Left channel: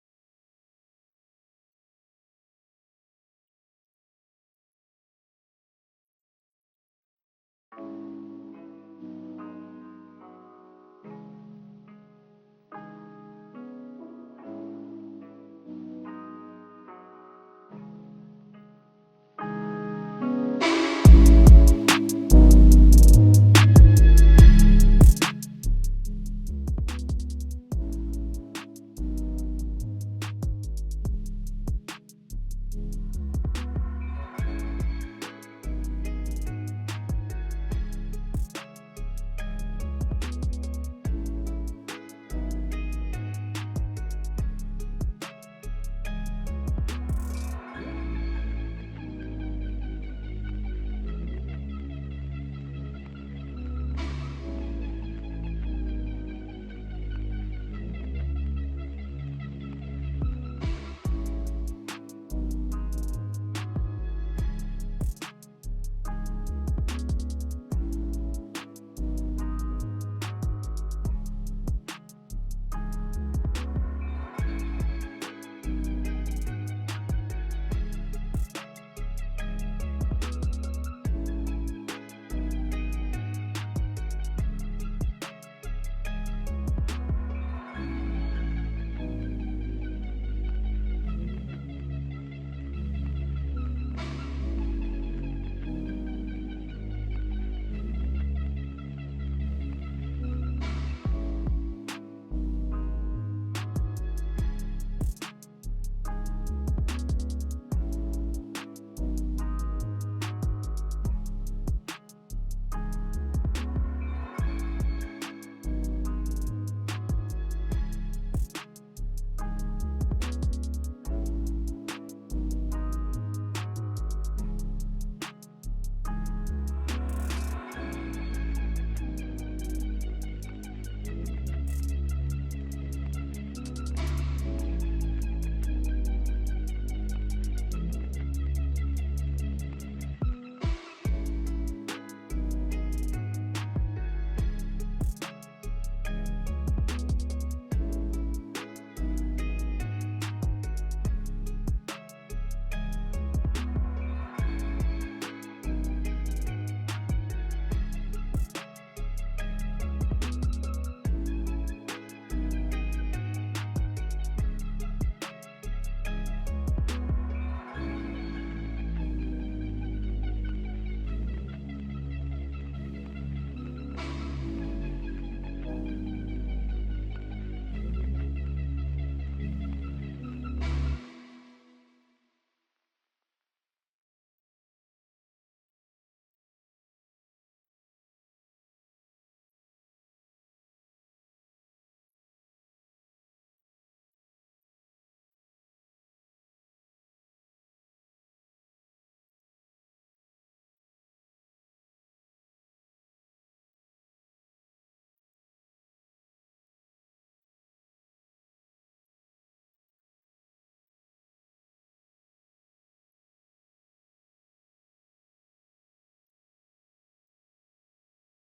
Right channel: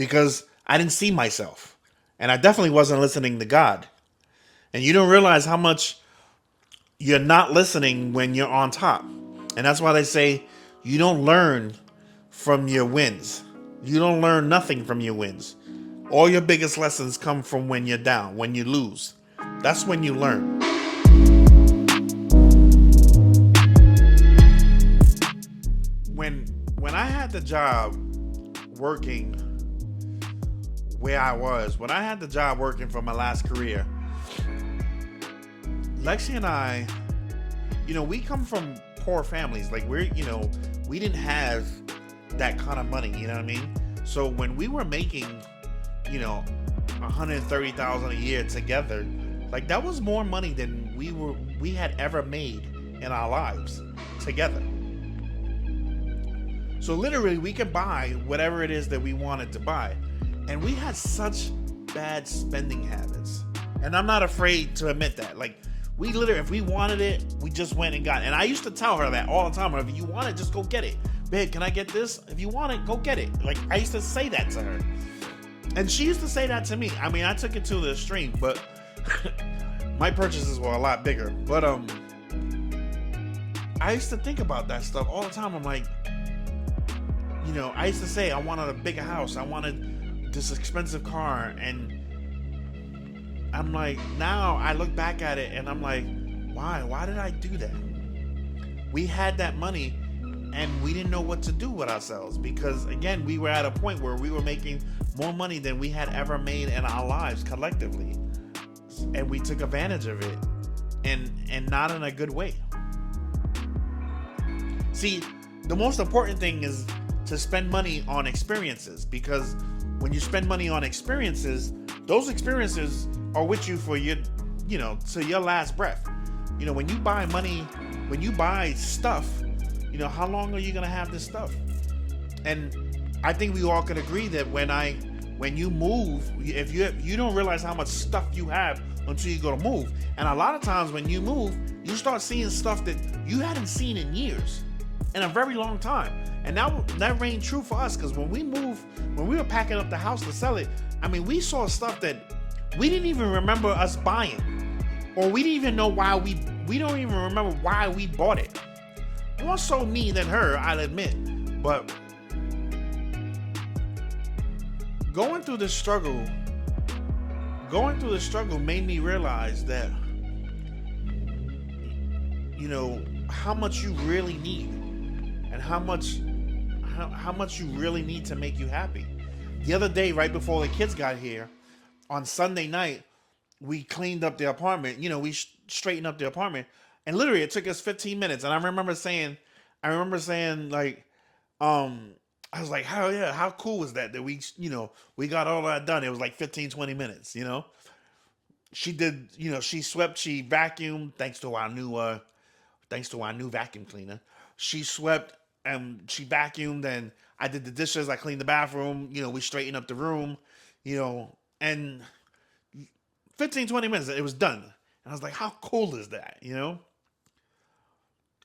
because I didn't see myself. And I definitely wasn't listening to God. And you don't realize how much you're not listening when you're on top. And that's why they say you don't learn from your wins. You don't learn nothing from your wins. All your biggest lessons come from when you're down, when you lose. That's when you learn. When when I had the job working where I was, when I had the job working for my last career, Lexi and I, we come from poor families. Like we didn't have that kind of money. You know what I mean? So when we were making, 130,000 a year together, like that was more money than we had ever made in our lives together. So literally, we could buy whatever it is that we wanted to buy, and we had such bad spending habits. And I'm not afraid to admit that. Like we literally, if we wanted it, we just went and got it. And I used to tell her that all the time. If you want it, just go get it. Babe, can I get this? If you want it, go get it. Like I used to say that to her. And she used to say that to me. I mean, I took it to the extreme, but my purchases were a lot bigger. But I used to think about that stuff all the time. I'm like, I used to say I wanted a bigger house. I wanted this expensive car, and I'm like, now I look back at it and I'm like, why? Why did I do that? We had that money and we didn't know what to do with ourselves because, again, we were at a point where we were making more money than we had ever made in our lives collectively. And we took advantage of it and not in a good way. See, the most important thing is to spend money on experiences, because when you spend money on experiences, those experiences are with you for to your last breath. When you buy money, when you buy stuff, how long are you gonna have this stuff? And I think we all can agree that when you move, if you don't realize how much stuff you have until you go to move. And a lot of times when you move, you start seeing stuff that you hadn't seen in years, in a very long time. And that rang true for us, because when we were packing up the house to sell it, I mean, we saw stuff that we didn't even remember us buying, or we didn't even know why we don't even remember why we bought it. More so me than her, I'll admit. But going through the struggle made me realize that how much you really need, and how much you really need to make you happy. The other day, right before the kids got here, on Sunday night, we cleaned up the apartment. We straightened up the apartment, and literally it took us 15 minutes. And I remember saying, like, I was like, hell yeah, how cool was that we got all that done. It was like 15, 20 minutes. She did, she swept, she vacuumed, thanks to our new vacuum cleaner. She swept and she vacuumed, and I did the dishes. I cleaned the bathroom. We straightened up the room. And 15, 20 minutes, it was done. And I was like, how cool is that?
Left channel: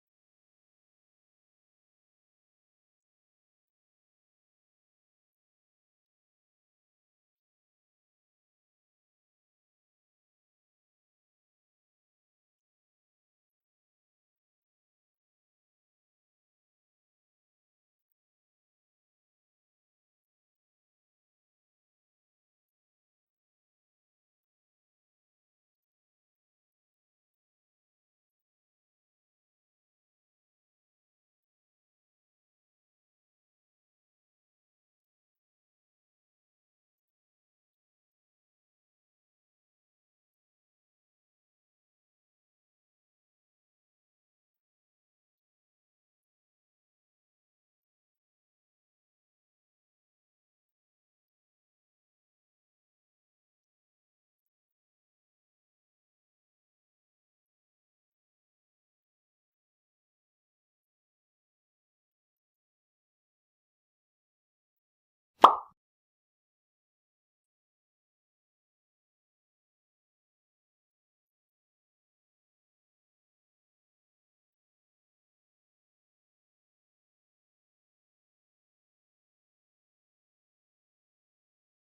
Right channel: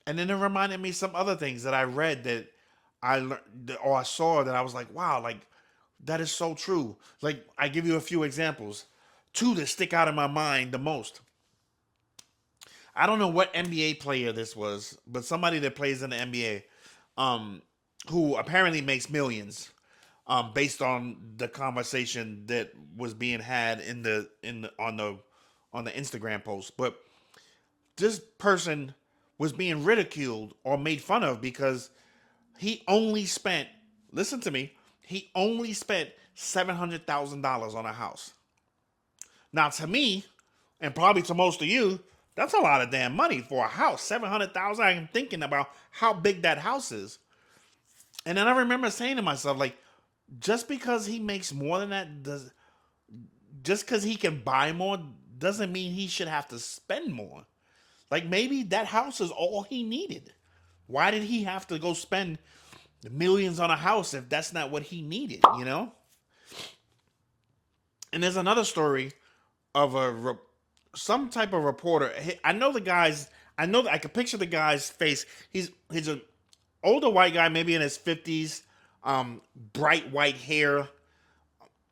And then it reminded me some other things that I read that I learned or I saw that I was like, wow, like that is so true. Like I give you a few examples, two that stick out in my mind the most. I don't know what NBA player this was, but somebody that plays in the NBA, who apparently makes millions, based on the conversation that was being had on the Instagram post. But this person was being ridiculed or made fun of because he only spent, listen to me, he only spent $700,000 on a house. Now, to me, and probably to most of you, that's a lot of damn money for a house. 700,000. I'm thinking about how big that house is. And then I remember saying to myself, like, just because he makes more than that, just because he can buy more doesn't mean he should have to spend more. Like maybe that house is all he needed. Why did he have to go spend millions on a house if that's not what he needed? And there's another story of some type of reporter. I know the guys. I know that I can picture the guy's face. He's an older white guy, maybe in his 50s, bright white hair,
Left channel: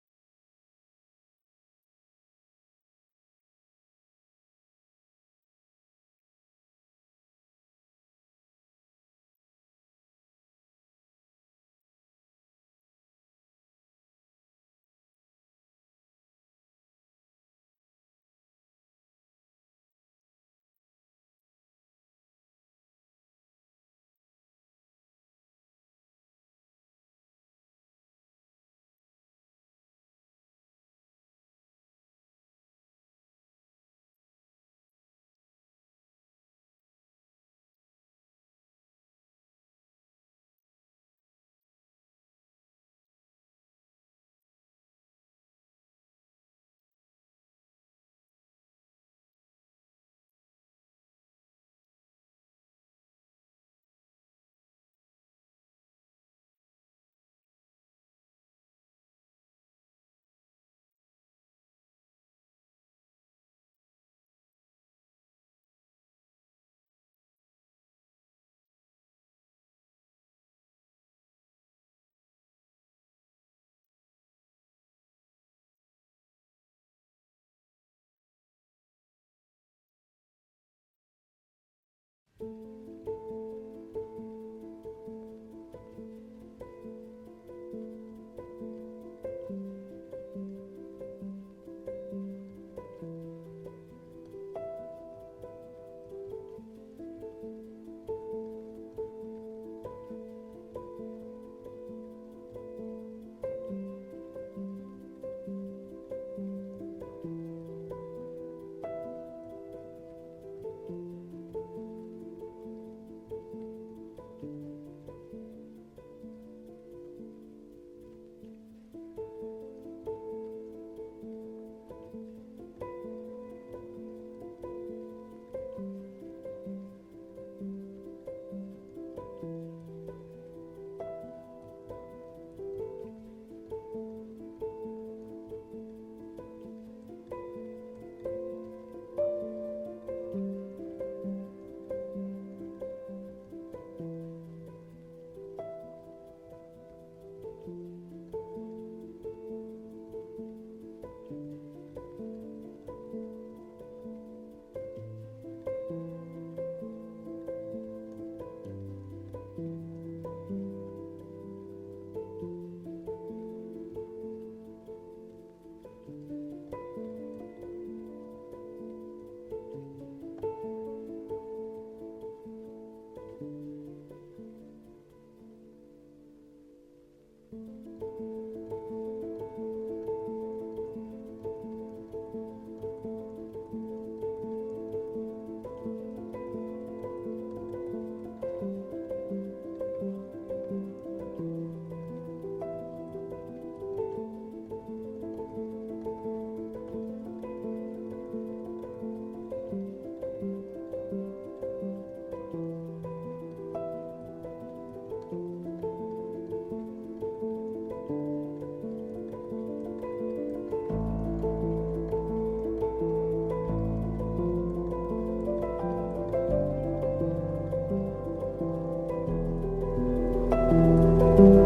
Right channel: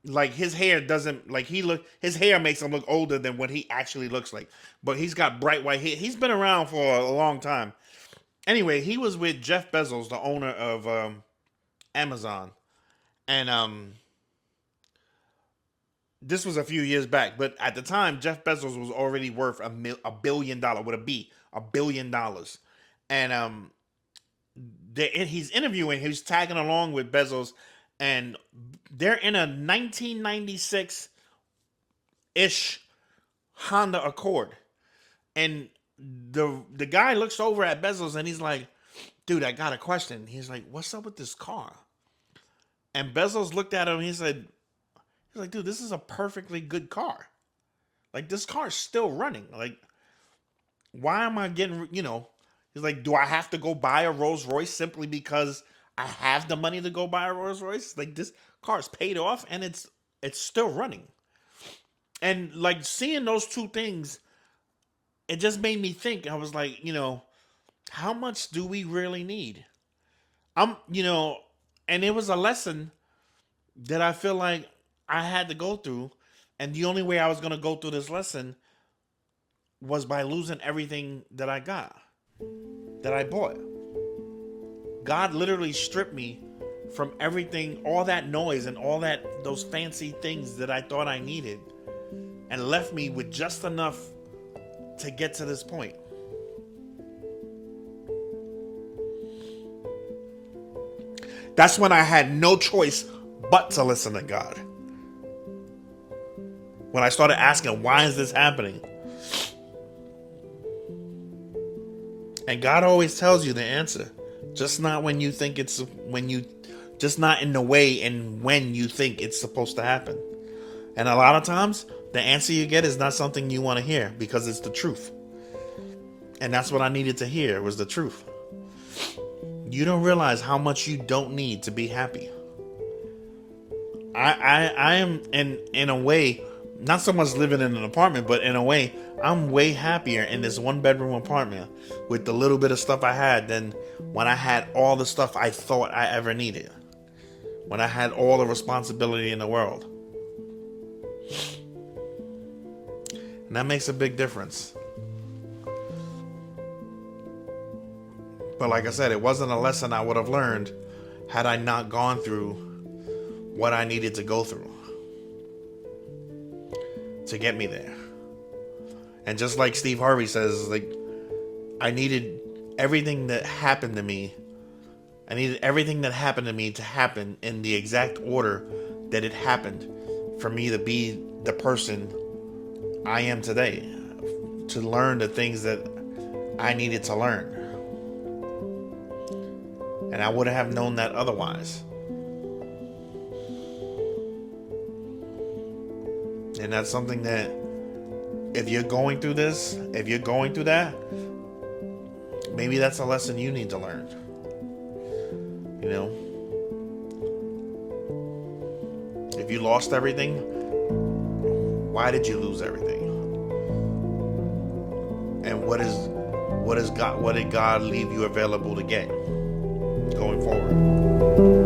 like his hair doesn't like his hair makes him look older than what he actually looks like. But he's got bright white hair. He's been around for a long time. Anyway, he was with Jeff Bezos, the owner of Amazon, and this was a few years back. But at the time, Jeff Bezos was already worth $1 billion with $1 billion, and he's interviewing. He's tagging along with Bezos, and they're in a 1996 ish Honda Accord, and the guy looks over at Bezos and he's like, "Dude, I got a question." He's like, "What's up with this car?" And Bezos looked at him. He's like, "Dude, this is a perfectly good car. Like this car's still running. Like, why am I getting? You know?" He's like, "Do I have to go buy a Rolls Royce simply because I have the money to go buy a Rolls Royce? Like this car's paid off and it's still running." And like seeing those two things, it just made me think. I was like, how much do we really need? And it was a lesson that I feel like I had to go through. And the only way I was going to go through this lesson was by losing everything that I got, that I bought. God literally stripped me from everything, all that noise and those fancy things that I thought I needed, and left me with just enough to get to this point. That's when I had no choice but to listen to God. When I started asking, why is this happening? And God always tells you the answer. Just not when you think just not in the way and when you think it's supposed to happen. And a lot of times, the answer you get is not something you want to hear because it's the truth. And that's what I needed to hear, was the truth. You don't realize how much you don't need to be happy. I am in a way, not so much living in an apartment, but in a way, I'm way happier in this 1-bedroom apartment with the little bit of stuff I had than when I had all the stuff I thought I ever needed. When I had all the responsibility in the world. And that makes a big difference. But like I said, it wasn't a lesson I would have learned had I not gone through what I needed to go through to get me there. And just like Steve Harvey says, like, I needed everything that happened to me. I needed everything that happened to me to happen in the exact order that it happened for me to be the person I am today, to learn the things that I needed to learn. And I wouldn't have known that otherwise. And that's something that if you're going through this, if you're going through that, maybe that's a lesson you need to learn. If you lost everything, why did you lose everything? And what did God leave you available to get going forward?